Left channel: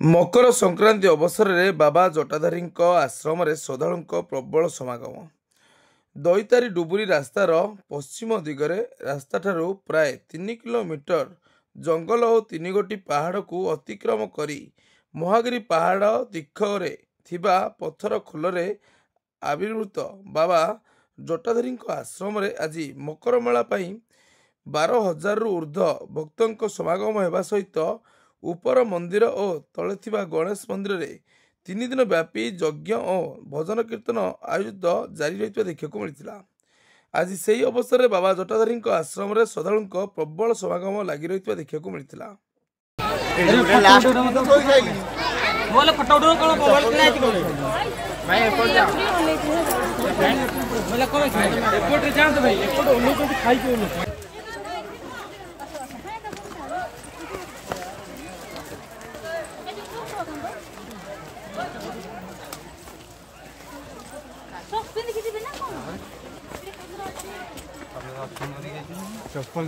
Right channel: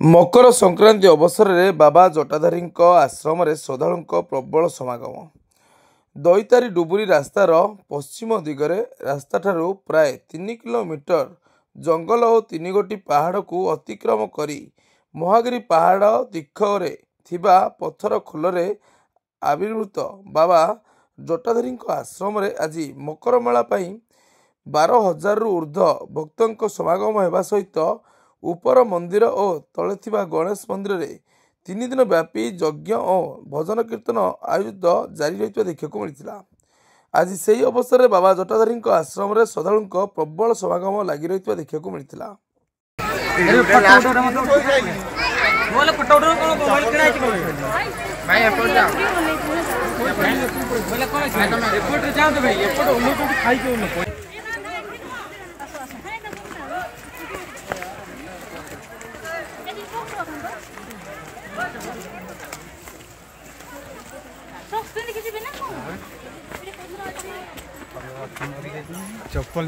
मकर संक्रांति अवसर में बाबा जटाधारी आश्रम श्रद्धालु प्रबल समागम। दईतारी डुबुरी रास्तार पश्चिम दिगरे रास्ता ठारू प्राय 3 किलोमीटर जंगल और 3 गोटी पहाड़ को अतिक्रम करी महागिरी पहाड़ तीखरे थिबा पत्थर खोलरे आविर्भूत बाबा जटाधारी आश्रम आज मकर मेला 12,000 रु ऊर्ध्व भक्तों समागम होगा सहित उपर मंदिर और तले थिबा गणेश मंदिर रे 3 दिन व्यापी यज्ञ और भजन कीर्तन आयोजित जारी रही देखा मिलता। आज से ही अवसर में बाबा जटाधारी आश्रम में श्रद्धालु प्रबल समागम लगी रही देखा मिलता। चप्पल